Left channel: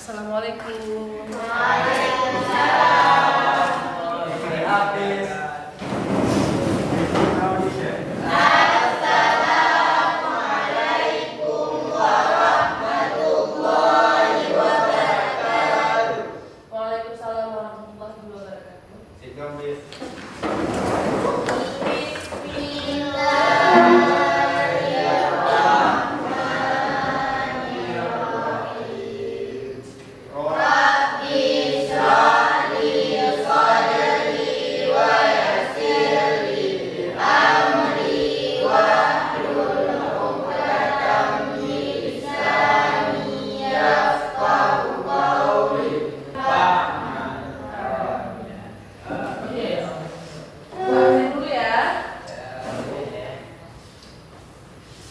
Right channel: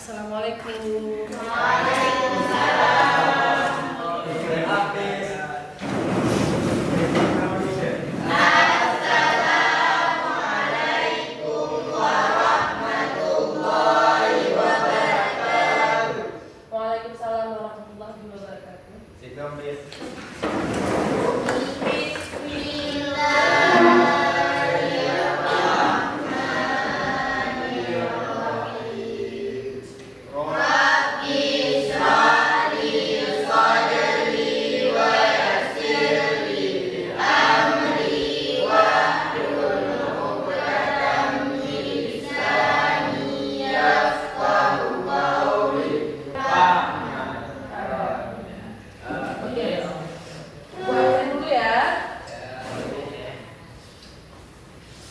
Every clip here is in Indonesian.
Assalamualaikum. Waalaikumsalam warahmatullahi wabarakatuh.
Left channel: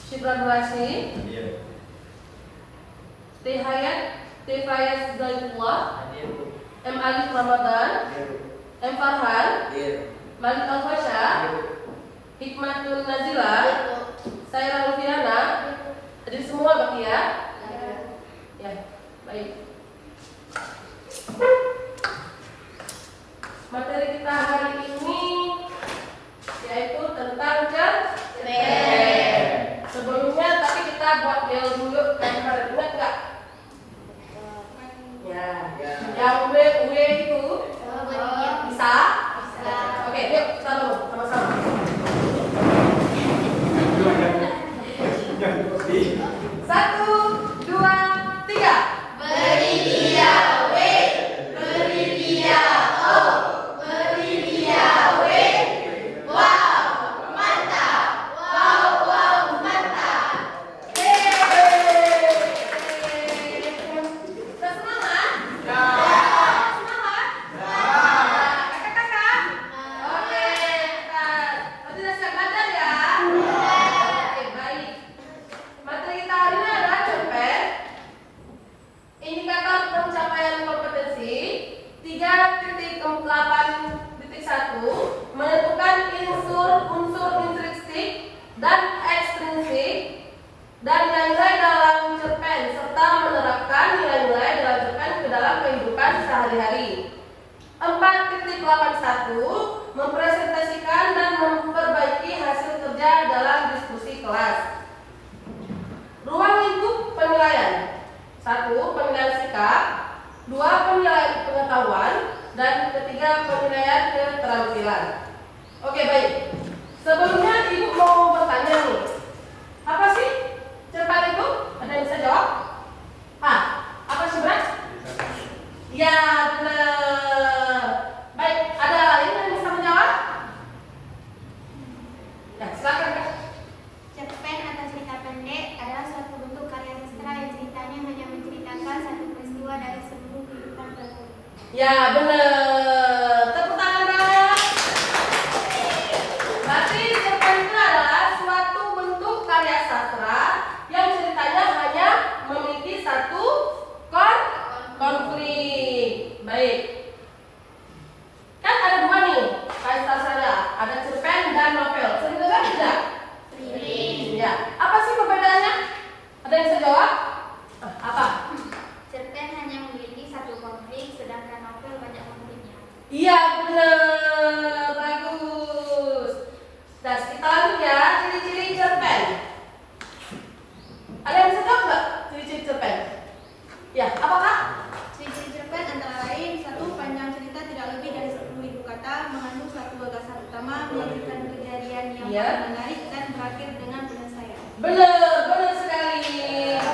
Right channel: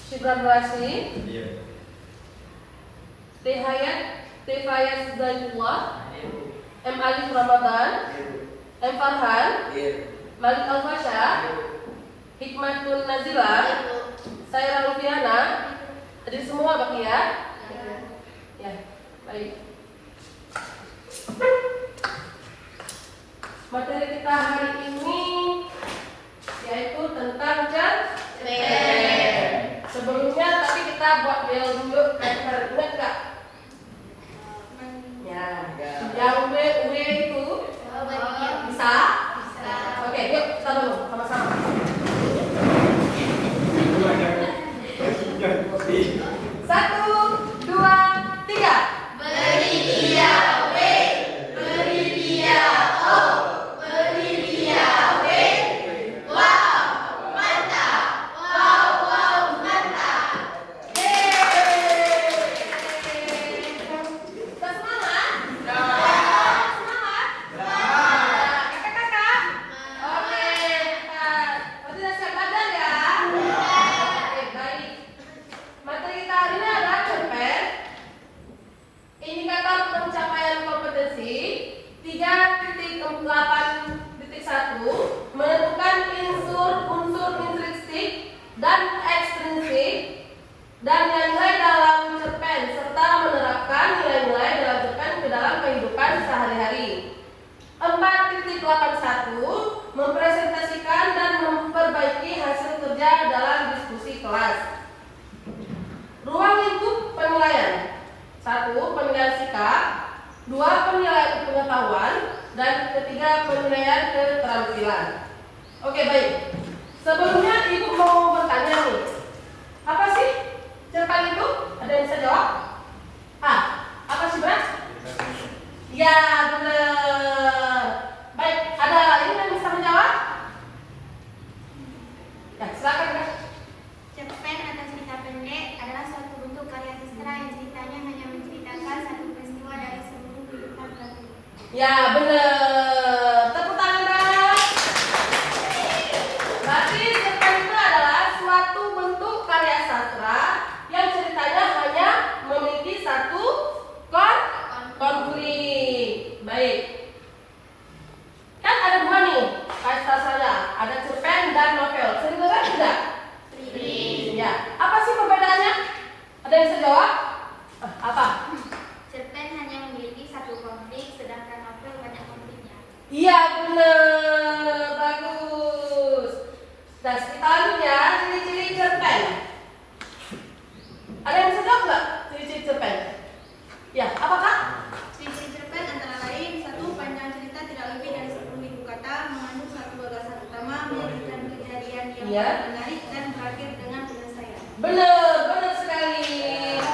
Syifrasi, T. Hayat, T. Fayaz Zaitullah, M. Alif Ramadan, M. Farhan, Malik Al-Fasha, Hikmatul Nazila, Saira Lufiana. Jadi semua Bapak ya? Ya, baik. Materi kita hari ini yaitu tentang cerpen. Sebelumnya tapi kita buat bel dulu, ingat nggak? Ya, yang W itu bisa. Oke, yuk kita dulu sama-sama. Satu, dua, tiga. Beri dia W, beri dia O, beri dia W. Wow, mantap. Wow, wow, mantap. Yeay. Kita semangat? Ya. Semangat? Ya. Kakak-kakak? Oke, berarti udah siap belajar ya? Oke, baik. Materi kita hari ini adalah cerpen. Indikator pencapaian kompetensi 3.8.1 menentukan unsur intrinsik dan ekstrinsik dan nilai dalam cerpen serta menerapkan nilai-nilai dalam cerpen ke dalam kehidupan sehari-hari. 4.81 mempresentasikan dan memperbaiki hasil kerja dalam diskusi kelas. Ruang lingkup penilaian: 1. Penilaian sikap, 2. Penilaian pengetahuan, dan ketiga penilaian keterampilan. Oke, baik. Sebelumnya Ibu mau bertanya nih, apa sih cerpen itu? Ada yang bisa jawab? Apa sih, Bras? Ya, benar. Baik, ada lain yang bisa menjawab? Ya, silakan, Kak. Cerpen atau cerita pendek adalah suatu bentuk karya sastra yang ceritanya hanya menceritakan satu peristiwa dari seluruh kehidupan pelaku. Ya, benar. Tepuk tangan, Kak. Berarti cerpen itu adalah suatu bentuk karya sastra yang ceritanya hanya memiliki satu konflik. Baik. Kan ada dua nih karya sastranya, ada cerpen dan novel. Sering dengar tidak? Ya. Apa sih perbedaannya? Ada yang bisa jawab? Apa? Cerpen hanya memiliki satu konflik, sedangkan novel banyak konfliknya. Iya, benar. Bagus. Nah, kita lanjut ya, ciri-ciri cerpen. Ada yang bisa jawab nggak ciri-ciri cerpen? Ya, apakah? Ciri-ciri cerpen antara lain: 1. Panjang cerita tidak lebih dari 10.000 kata, mengandung satu gagasan utama, menyajikan kejadian yang menarik, dan berakhir dengan penyelesaian. Benar sekali.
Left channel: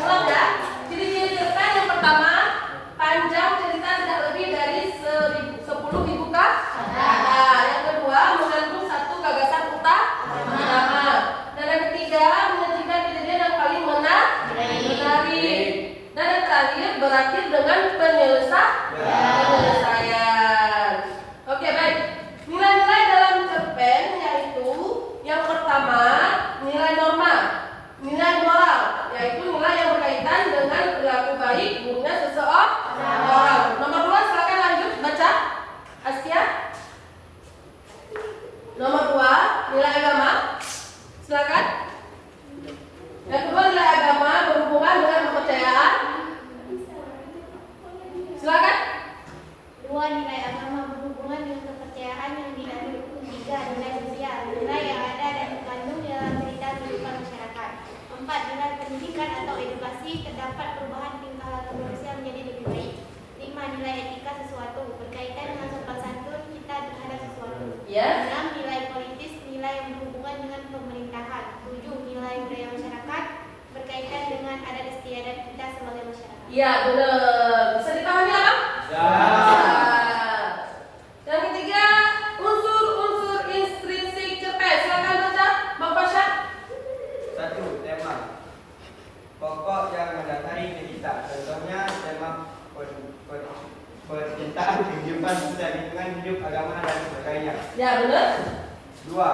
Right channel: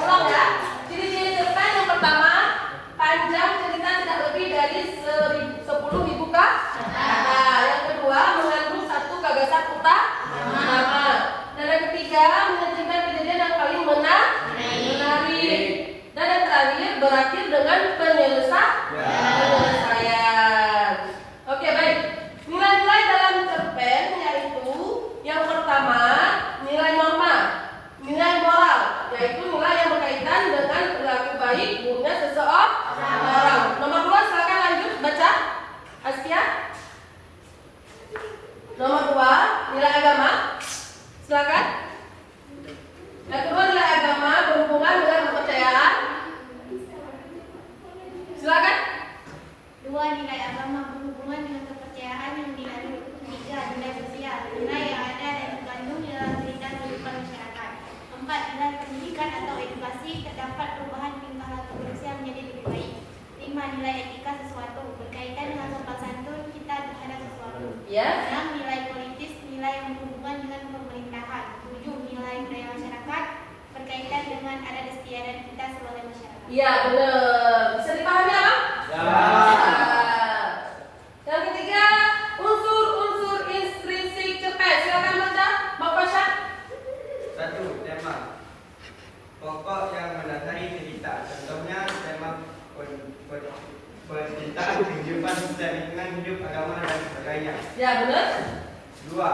Ulang ya. Ciri-ciri cerpen yang pertama, panjang cerita tidak lebih dari 10.000 kata. Yang kedua, mengandung satu gagasan utama. Dan yang ketiga, menyajikan kejadian yang paling menarik. Dan yang terakhir, berakhir dengan penyelesaian. Oke, baik. Nilai-nilai dalam cerpen yaitu yang pertama, nilai norma, nilai moral, yaitu nilai yang berkaitan dengan perilaku baik buruknya seseorang. Nomor 2, silakan lanjut baca. Astia. Nomor 2, nilai agama. Silakan. Yang kedua, nilai agama berhubungan dengan kepercayaan. Iya, benar. Bisa dipahami apa? Ya. Yang ketiga, unsur-unsur intrinsik cerpen. Silakan baca, Bang Pasha. 1. Tema. Pokok yang mendasari cerita. Contohnya tema percintaan, kehidupan sosial, lingkungan hidup, agama dan sebagainya. Ya, benar. 2.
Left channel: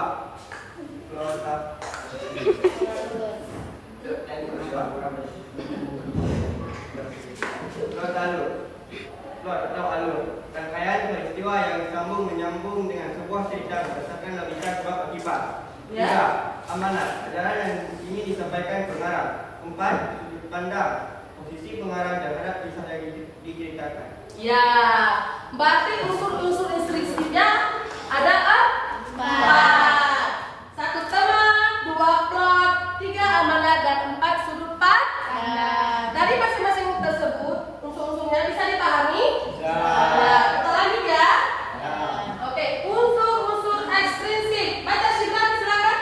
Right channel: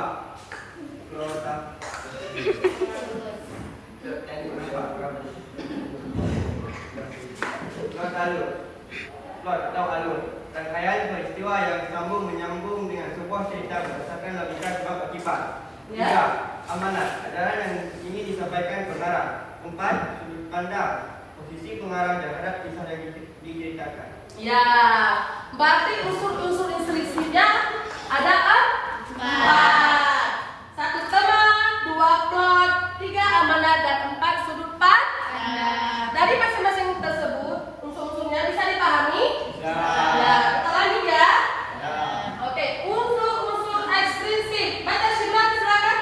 Plot atau alur. Rangkaian peristiwa yang disambung menyambung dengan sebuah cerita berdasarkan logika sebab akibat. Ya. 3. Amanat. Ajaran yang ingin disampaikan pengarang. 4. Sudut pandang. Posisi pengarang terhadap kisah yang diceritakan. Ya, berarti unsur-unsur intrinsipnya ada 4. 1 tema, 2 plot, 3 amanat, dan 4 sudut pandang. Dari masing-masing tersebut, unsur-unsurnya bisa dipahami? Ya. Ya, kita lanjut ya. Ya. Oke, unsur-unsur ekstrinsik. Baca silakan.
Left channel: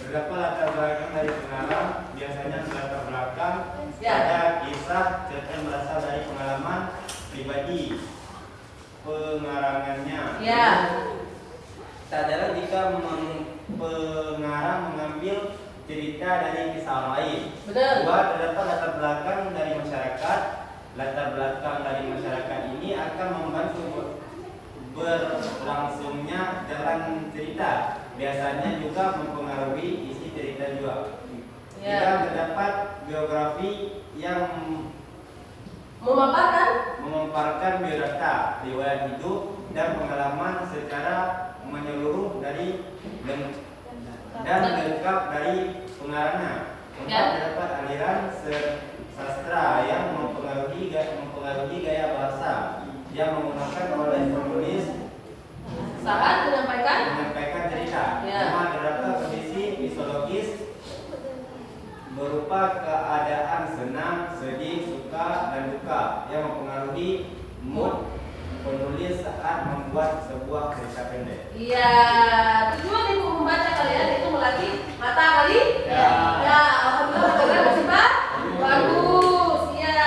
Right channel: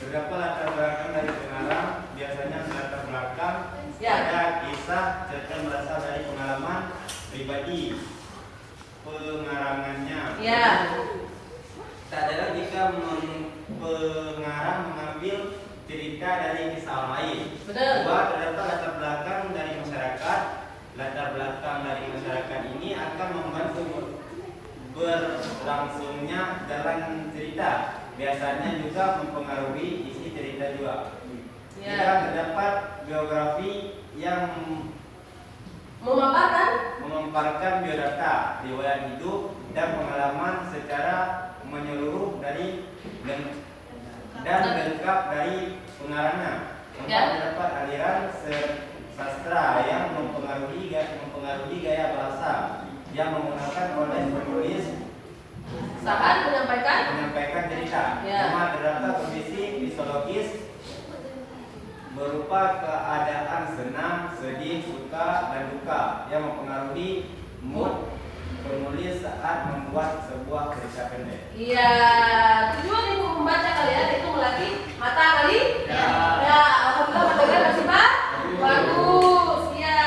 Terdapat latar belakang dari pengarang, biasanya latar belakang Ya. pada kisah cerita berasal dari pengalaman pribadi pengarangannya. Ya. Sadar jika pengarang mengambil cerita dari kisah lain. Benar. 2. Terdapat latar belakang dari masyarakat. Latar belakang dari masyarakat ini akan membantu berlangsungnya jalan cerita. Biasanya juga mempengaruhi isi cerita juga. Ya. Terdapat biografi yang Memaparkan biodata, riwayat hidup dan pengalaman secara menyeluruh dan lengkap dari pengarangnya. 4. Ya. Terdapat aliran sastra yang mempengaruhi gaya bahasa yang menggunakan oleh penulis saat menyampaikan cerita. Ya. 5. Terdapat kondisi fisiologis berupa keadaan senang, sedih, suka, dan duka yang mempengaruhi mood penulis saat membuat sebuah cerita pendek. Iya, tujuan ibu membaca kalian itu melatih mata kali. Ya. Ya, alhamdulillah mata kalian masih bagus. Ya.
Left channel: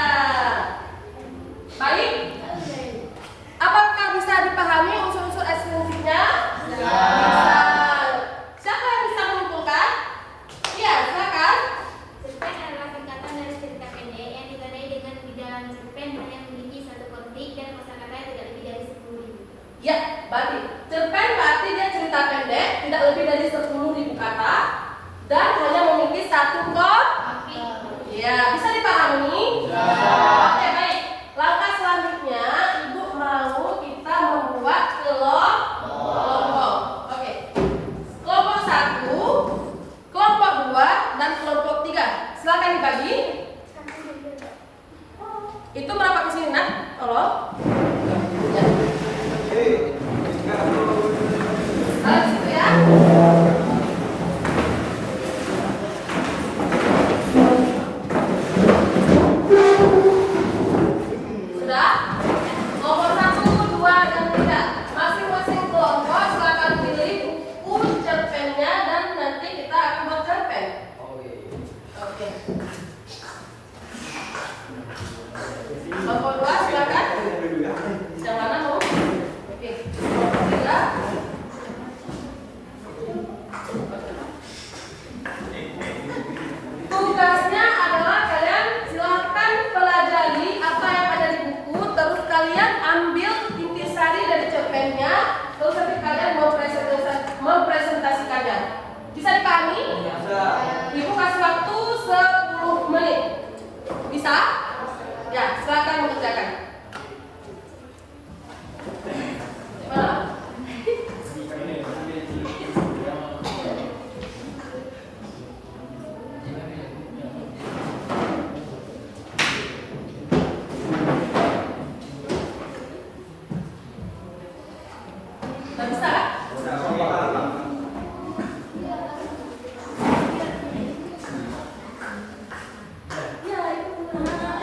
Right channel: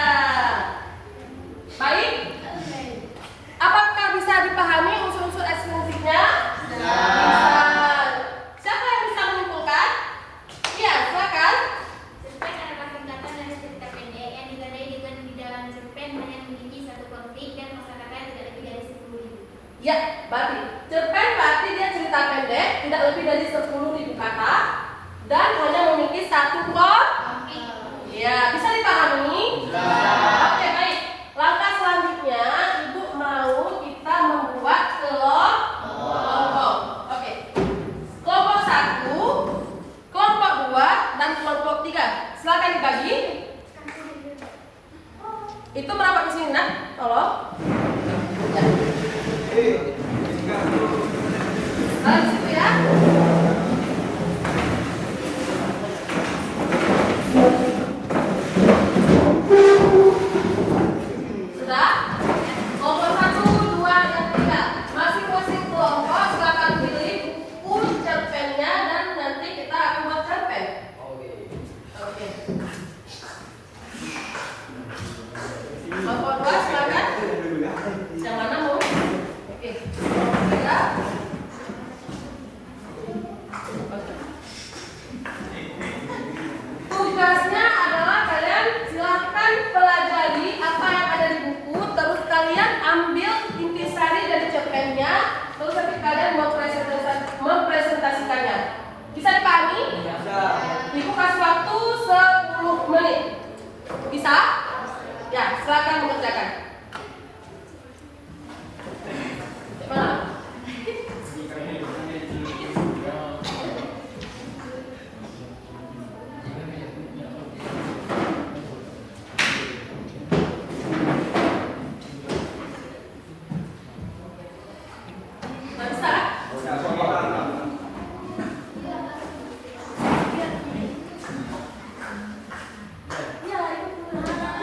Baik. Apakah bisa dipahami unsur-unsur ekstrinsiknya? Ya. Bisa. Siapa yang bisa menyimpulkan? Iya, silakan. Cerpen adalah singkatan dari cerita pendek yang digadai dengan di dalam cerpen hanya memiliki satu konflik dan masyarakat tidak lebih dari 10.000. Ya, berarti cerpen berarti dia cerita pendek, tidak lebih dari 10.000 kata dan hanya memiliki satu konflik. Ya, bisa dipahami? Ya. Oke, baik. Langkah selanjutnya, Ibu mau kita membuat kelompok. Oke. Kelompok 1, kelompok 2, dan kelompok 3. Silakan dibagi. Itu merapat ke sini, Nak. Tolong. Ya. Kalau gitu ya. Sudah? Kelompok 1, 2, dan 3. Masing-masing kelompok silakan pilih buku cerpennya dan nanti kita akan buat cerpen. Oke. Kelompok 2 silakan. Yang mana mau? Oke. Kelompok 3. Tugasnya adalah kalian silahkan pelajari apa yang ada di buku, terus kalian ambil intisari dari cerpennya, terus nanti kalian mempresentasikannya. Bisa dipahami? Bisa. Ibu kasih waktu 10 menit. Bisa? Ya, silakan mengerjakan. Mana? Nggak bisa kan? Ya, itu benar.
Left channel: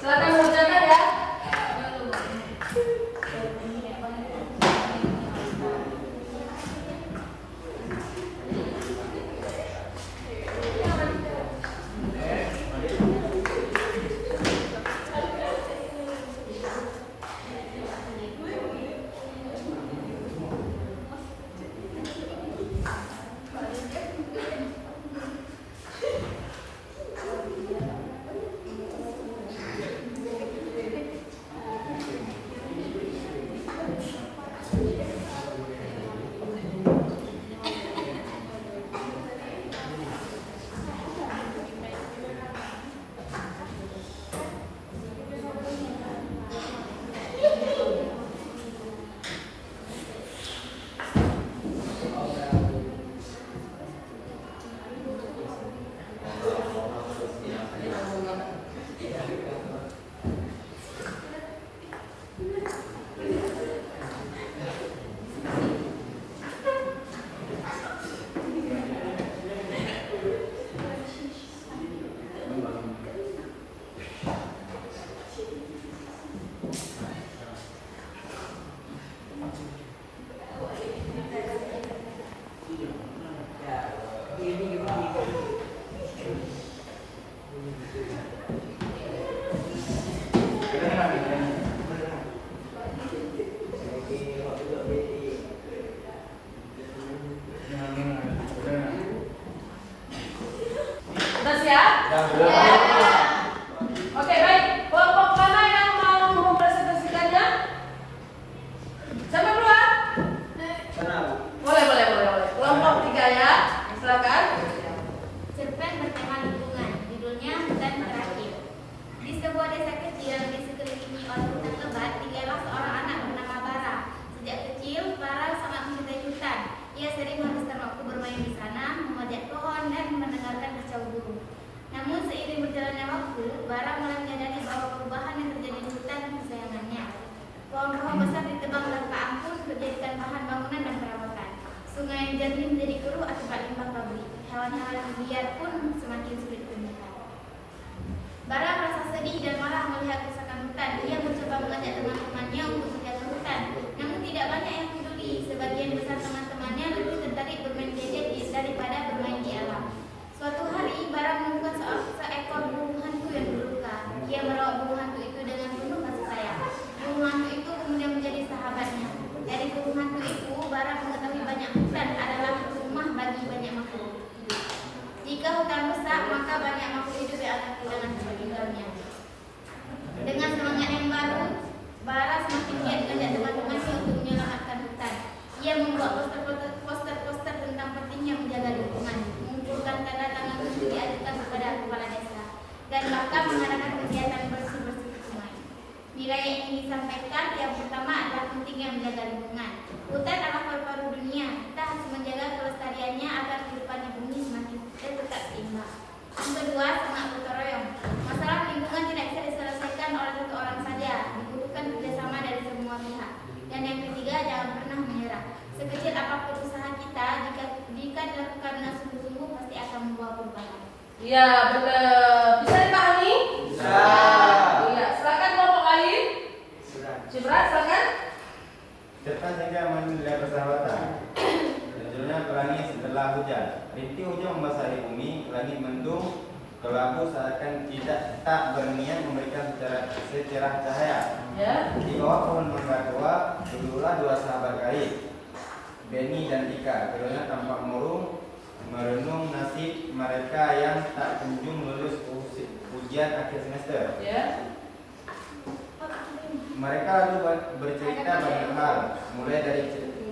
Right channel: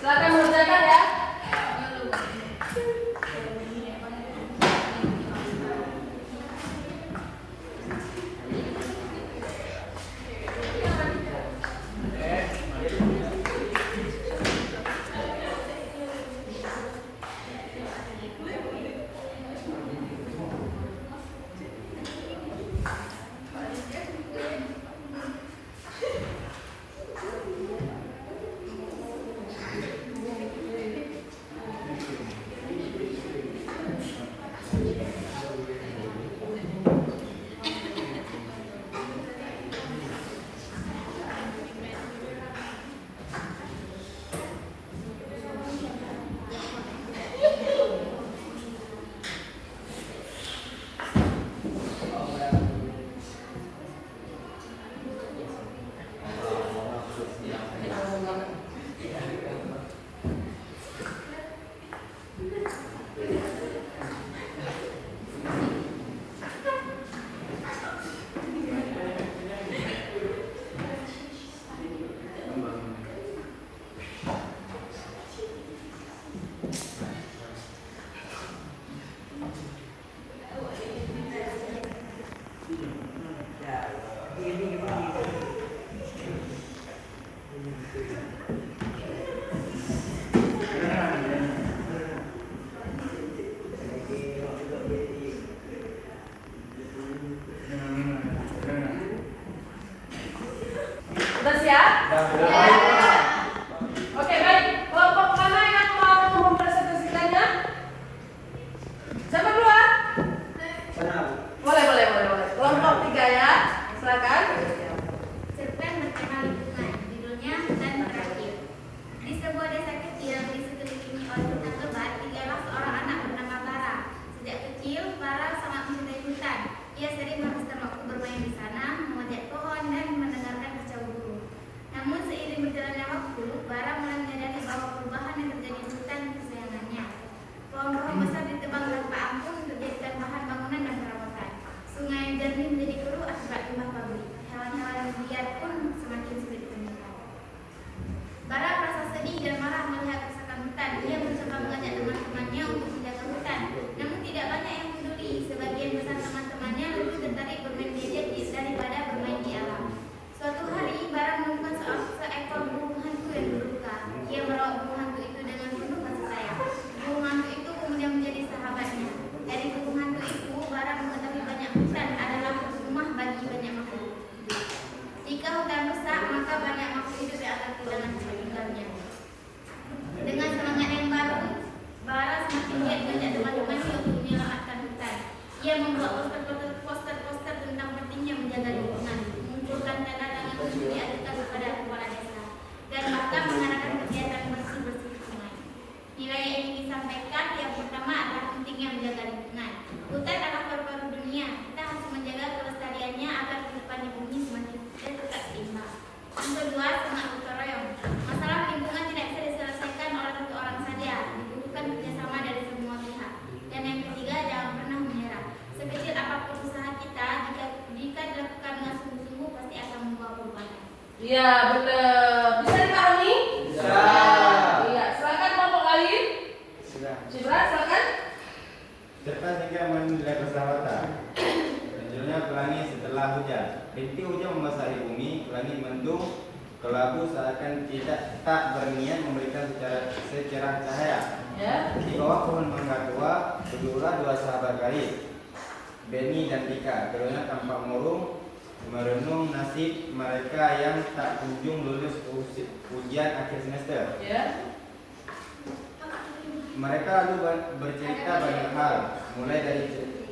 Silakan mengerjakan ya. Udah siap? Oke, baik. Kelompok mana yang mau mempresentasikannya? Siapa duluan? Boleh. Kelompok 3 ya. Silakan. Cerpen bertema lingkungan, judulnya Hutan Berakhir. Di sebuah desa kecil di sekelilingi oleh hutan lebat, tinggallah seorang anak bernama Bara. Sejak kecil, Bara sangat mencintai hutan. Ia sering menghabiskan waktu bermain di sana, memajak pohon dan mendengarkan kicau burung. Namun seiring berjalannya waktu, Bara mulai menyadari bahwa perubahan yang terjadi di hutan kesayangannya. Pohon-pohon besar ditebang tanpa ampun, dijadikan bahan bangunan dan perawatan. Sungai yang jernih menjadi keruh akibat limbah pabrik. Hewan-hewan liar pun semakin sulit ditemukan. Bara merasa sedih dan marah melihat kerusakan hutan. Ia mencoba mengajak teman-temannya untuk menjaga hutan, namun tidak banyak yang peduli. Sebagian besar teman-temannya lebih tertarik bermain gadget daripada bermain di alam. Suatu hari, Bara menemukan seekor burung hantu yang terluka. Ia merawat burung hantu itu dengan penuh kasih sayang. Burung hantu itu kemudian menjadi sahabatnya. Dari burung hantu itu, Bara mengetahui banyak hutan adalah rumah bagi banyak makhluk. Jika hutan rusak, maka banyak makhluk hidup yang akan kehilangan tempat tinggalnya. Dengan semangat yang baru, Bara semakin giat mengajak teman-temannya untuk menyelamatkan hutan. Ia membuat poster-poster tentang pentingnya menjaga lingkungan, mengumpulkan tanda tangan untuk diadukan kepada kepala desa, dan bahkan mengadakan kegiatan bersih-bersih sungai. Nilai yang ingin disampaikan yang pertama adalah pentingnya menjaga lingkungan. Hutan adalah paru-paru dunia. Kita harus menjaga kelestariannya agar kehidupan di bumi semakin tetap seimbang. Yang kedua, semangat gotong royong. Masalah lingkungan tidak bisa diselesaikan oleh satu orang saja, dibutuhkan kerjasama dari semua pihak. Dan yang ketiga, jangan pernah menyerah. Sekecil apapun usaha kita, jika dilakukan dengan sungguh-sungguh pasti akan membawa perubahan. Iya, benar. Bisa dipahami? Bisa. Iya, silakan kelompok lain. Cibra, silakan. Cerpen hingga menilai persahabatan. Judulnya Pelangi Setelah Hujan. Rintik hujan membasahi bumi, langit mendung, kelabu seakan tak berniat memberikan secerah cahaya. Ya. Di bawah pohon mangga tua, duduklah dua sahabat karib, Benny dan Tika. Keduanya tampak murung, merenung nasib mereka yang tak kunjung lulus ujian akhir semester. Ya. Mereka lalu bercerita banyak hal, mulai dari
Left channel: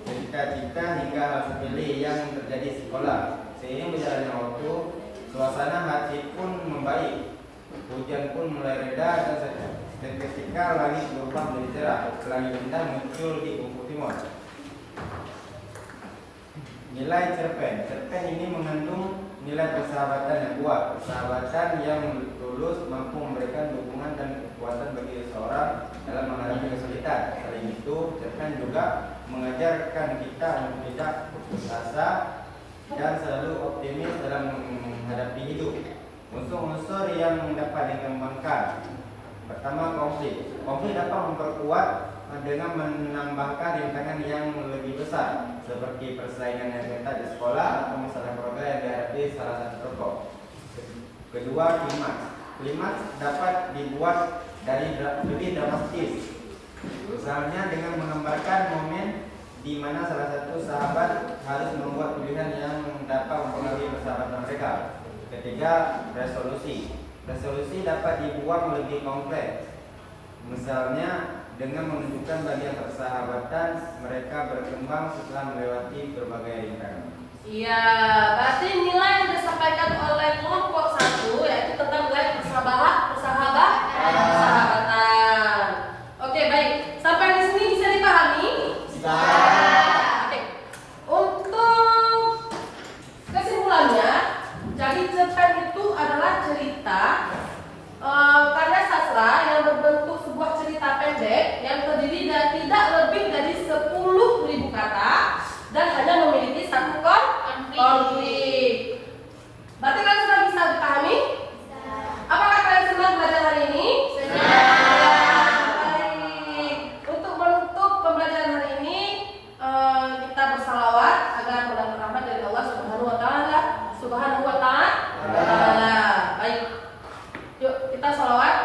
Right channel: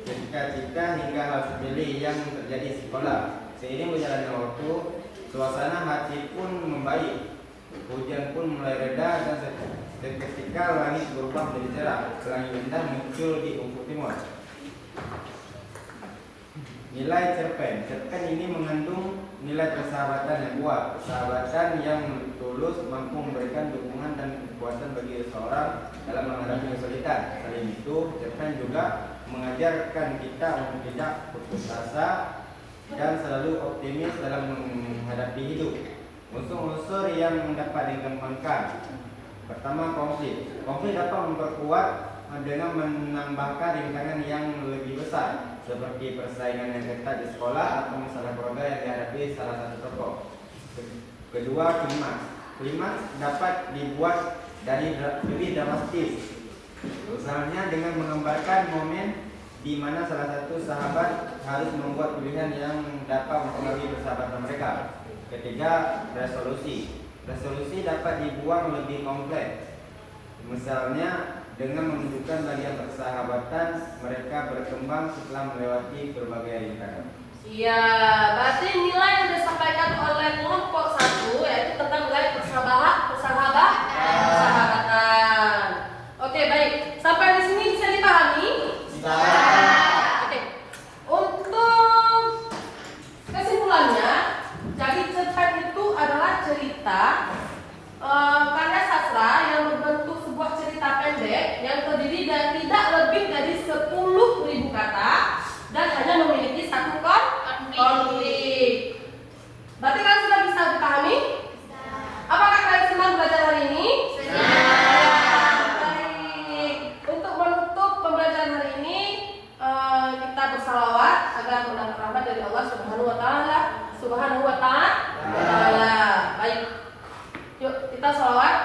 cita-cita hingga hal sepele yang terjadi di sekolah. Seiring berjalannya waktu, suasana hati pun membaik. Hujan pun mulai reda dan seketika langit berubah menjadi cerah. Pelangi indah muncul di ufuk timur. Nilai cerpen. Cerpen ini mengandung nilai persahabatan yang kuat, persahabatan yang tulus, mampu memberikan dukungan dan kekuatan bagi seseorang dalam menghadapi kesulitan. Selain itu, cerpen juga mengajarkan kita untuk tidak putus asa dan selalu optimis dalam menghadapi hidup. Unsur-unsur yang dapat dikembangkan Pertama, konflik. Konflik dapat memperkuat dengan menambahkan rintangan yang lebih besar seperti persaingan yang ketat di sekolah atau masalah keluarga yang dihadapi salah satu tokoh. Kedua, klimaks. Klimaks dapat dibuat dari lebih dramatis. Misalnya dengan menggambarkan momen di mana salah satu sahabat harus membuat pilihan yang dapat mempengaruhi persahabatan mereka. Ketiga, resolusi. Resolusi dapat dibuat lebih kompleks. Misalnya dengan menunjukkan bagian persahabatan mereka berkembang setelah melewati berbagai rintangan. Iya, berarti nilai yang disampaikan oleh kelompok 1 yaitu tentang nilai persahabatan. Oke, baik. Sampai di sini bisa dipahami? Bisa. Oke. Untuk kesimpulannya, jadi cerpen itu adalah cerita karya sastra yang berbentuk sebuah cerita pendek yang terdiri dari tidak lebih dari 10.000 kata dan hanya memiliki satu konflik. Berarti kalian sudah bisa dipahami? Apakah kalian senang belajar hari ini? Baik. Untuk menutup pembelajaran hari ini, kita bersalawat agar mendapat rahmat dari Allah Subhanahu wa Ta'ala. Baik. Yuk kita salawat.